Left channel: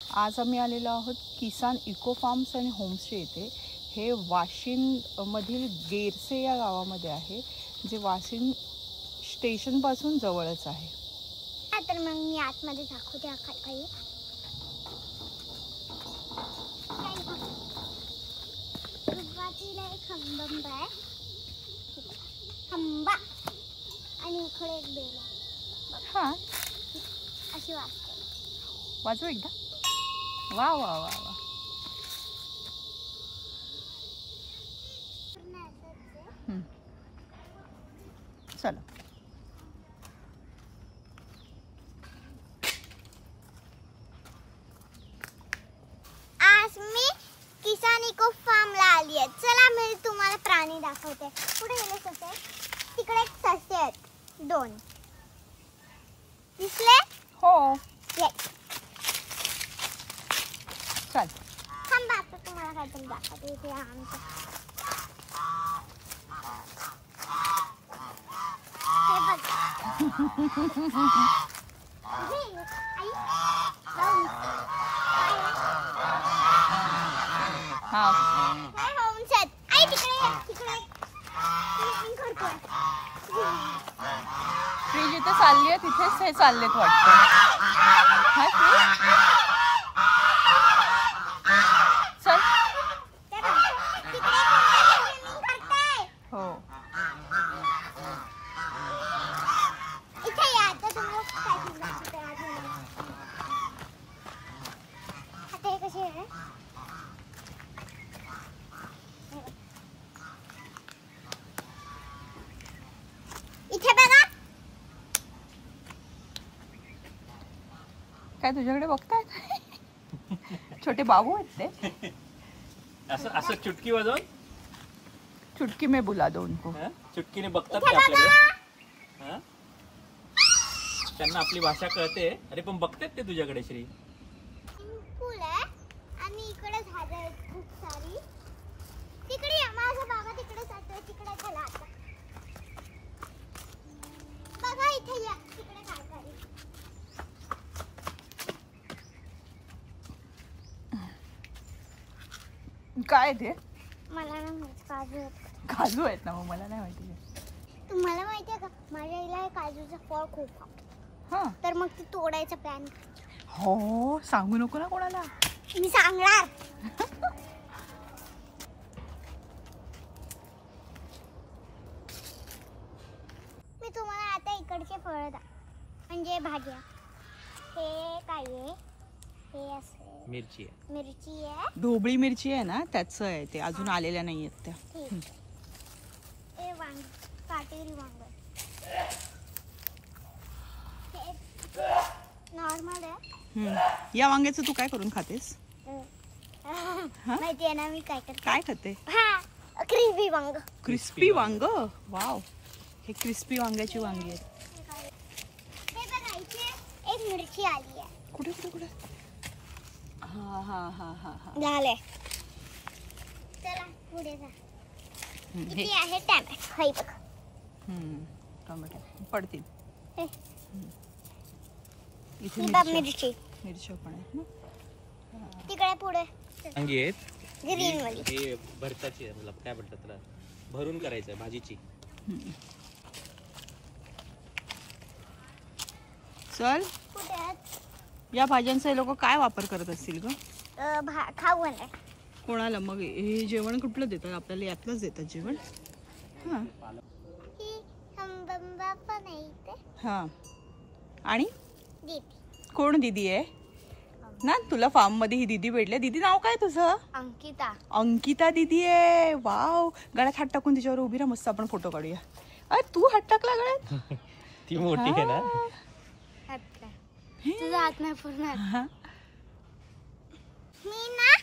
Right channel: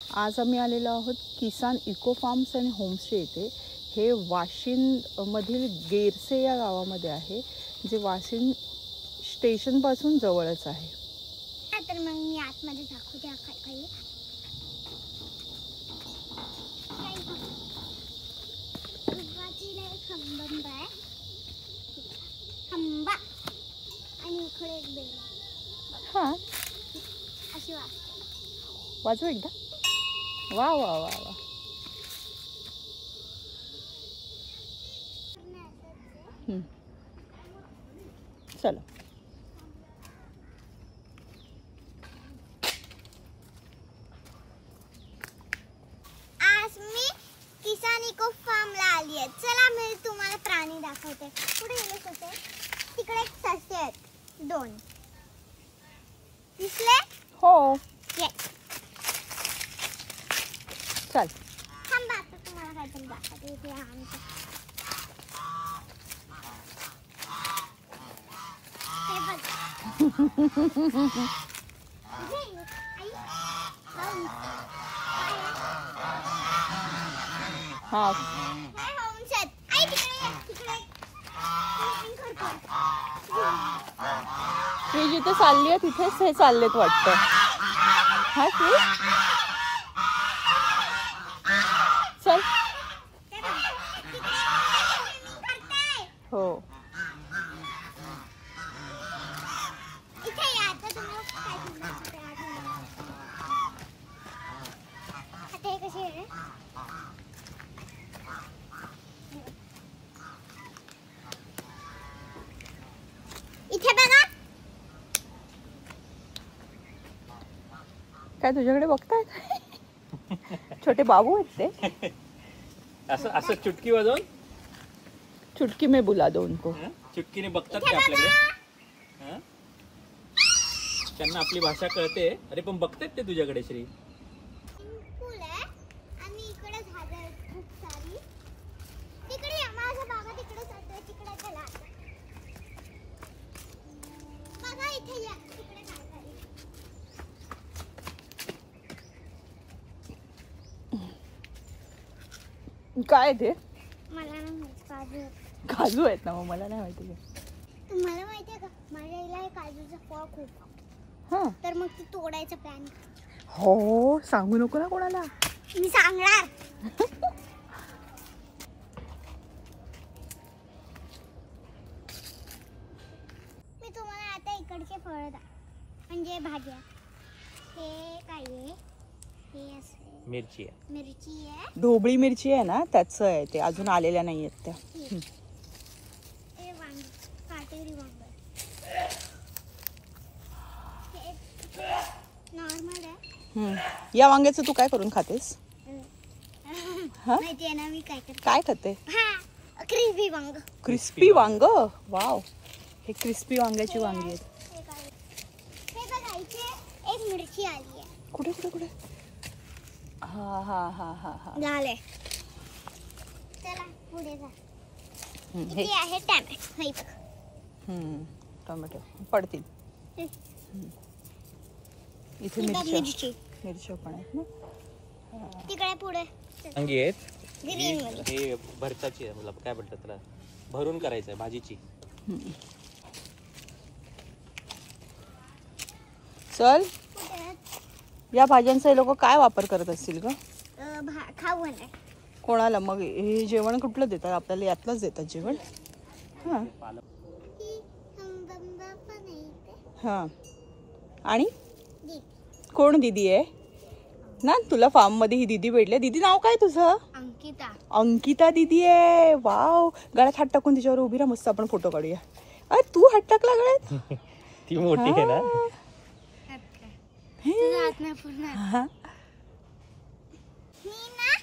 आज आम्ही आलेलो आहोत किसान इको फार्म्स आणि होमस्टे येथे। हे वाशिम मधील गेरसे या गावामध्ये आहे, जे वाशिम स्टेशन पासून जवळच आहे। तर मग मी आतमध्ये दाखवते काही सुरुवातीला एक खंबा आहे, खंबा आणि इकडे एक बेल आहे। हां, अशी वाजव एकदा। वा वा वा वा, चलो। आज मी किसान इको फार्मला आली आहे। चला मी तुम्हाला प्राणी दाखवते। पुढे गेले ससे, तिकडे एक ससे आहेत 2 दिसले? हो, ये चल। थांबा, आता तुम्हाला काहीतरी दाखवते। इथे आमचं हे बघ, आई जाऊन हाँ, काय होम्स आहेत। आई तिकडे ती जिथे चालली आहे तिथेच हे चाललेत वाटतं। हाय तू, चल। हो, इथे या। आता तुम्हाला काय सांगते, आता हे कसे आहे इथे बघा। काय तुझ्याकडे बघतायत? छोटे बाबू आहेत ते। असं असं चुटकी वाजवून चुटकी में बुला दो उनको। चुटकीने बघतात ते आपल्याकडे। हा? त्यांना आपली भाषा कळते। अरे पण बघतात ते तुझ्याकडे श्री। पूल आहे आणि इकडे झाडं आहेत खूप सारी। तिकडे या, माझा बाबा तिकडे जातोय, तिकडे चला आता। बघा इथे या, तिकडे काय झाली। काय ते? मला ना माहित, काजू आहेत। काजू आहेत ना? मला नाही माहिती। तुम्हाला माहिती आहे का, माझ्या आईला हे काजूचं फळ खूप आवडतं। हां, तर मग ती तोडायचा प्लॅन। हो, सांगू नको ना कोणाला। मी सांगणार। मी तुम्हाला आता इकडचे फळ म्हणजे भाज्या। हे काय आहे? हे असे मिरची आहे, मिरची आहे, ढोबळी मिरची आहे ना, त्याचं आहे ते। अजून आलेल्या नाहीयेत त्या। हे वांग, काटेरी वांग नॉर्मल आहे। या वांग्याचं तू काय करून खातेस? माहिती आहे ना मी काय करते? काय खाते? हा, क्रिस्पी वांग। क्रिस्पी वांग? वाव, हे क्रिस्पी वांग्याची वांगी आहेत। हे बघा, इथे एक मिरची आली आहे। कुठे कुठे कुठे? हा हा हा हा हा, झाले। चला पुढे जा। हे किती आहे टॅमॅटो? हाय बघ, टमाटर पडतील। इथे ही बघ मिरची मिरची। पण आहेत ना। तिकडे पुढे वांगी आहेत। ग्रीन वाली। हे भरताची आहे, मला काय म्हणतात त्याला, भरून करायचं आहे भाजीची। चल, कुठे आहेत? या भाज्यांचा हे लोक काय वापर करत असतील का? खाऊ आहे। कोणाला मग हे जेवण कुठलं देतात? आपल्याला यातलंच देतात जेवण। हां ही हंबंबा पण आहे इथे। हां, आणि दीदी, कोण दीदी आहे ना? तुला फार्म मध्ये ही दीदी भेटली। दीदी नाव काय तुझं? अंकिता। अंकिता दीदी आहे। वाव, गळ्यात हात टाकून तिच्यावर उभी राहा, मस्त आपण फोटो काढूया। अरे तू हात टाकला गळ्यात? ती मोठी आहे ना। जात नाही पूर्ण। मी ना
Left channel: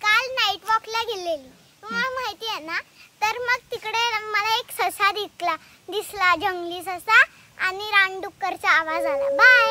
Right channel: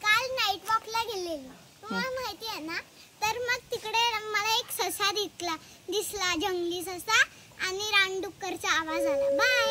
काल नाईट वॉकला गेलेली, तुम्हाला माहिती आहे ना। तर मग तिकडे मला एक ससा दिसला, जंगली ससा, आणि रानडुक्करचा आवाज आला। बाय।